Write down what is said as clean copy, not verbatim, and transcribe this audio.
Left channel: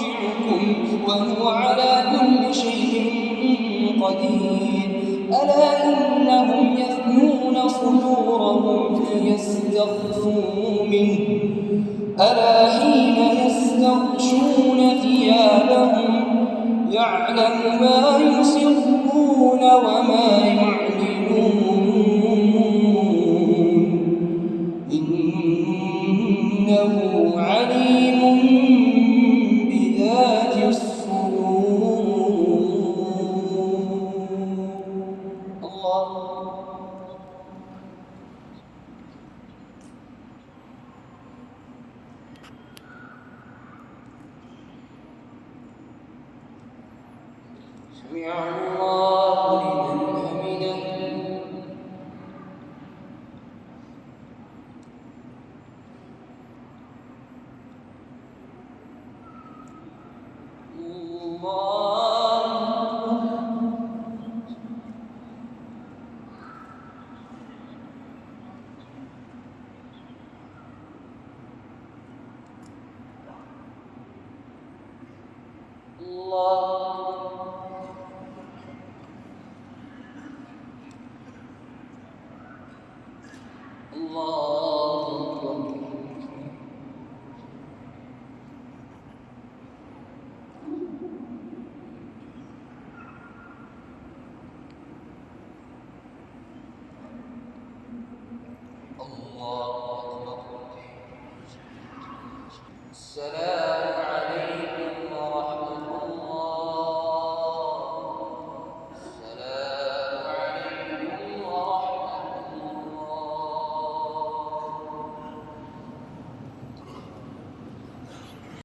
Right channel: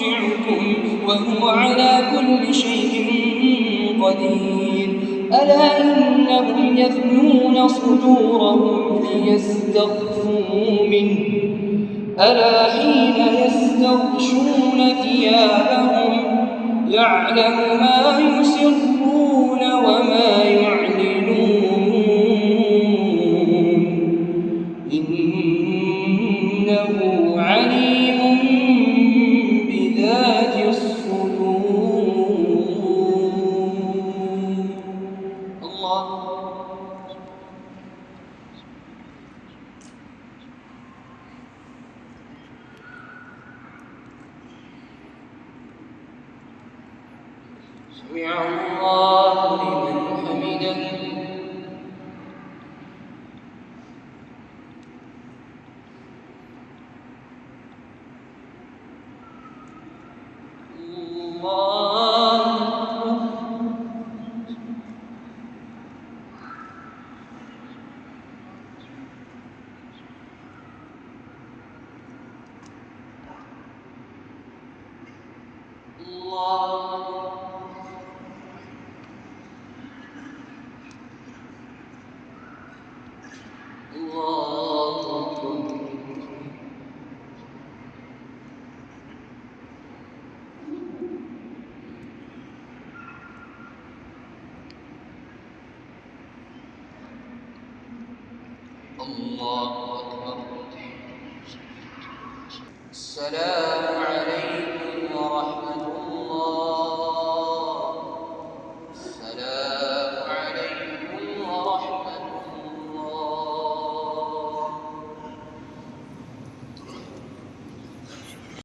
مرجعكم وهو على كل شيء قدير ألا إنهم يثنون صدورهم ليستخفوا منه ألا حين يستغشون ثيابهم يعلم ما يسرون وما يعلنون إنه عليم بذات الصدور الله سمع الله لمن حمده الله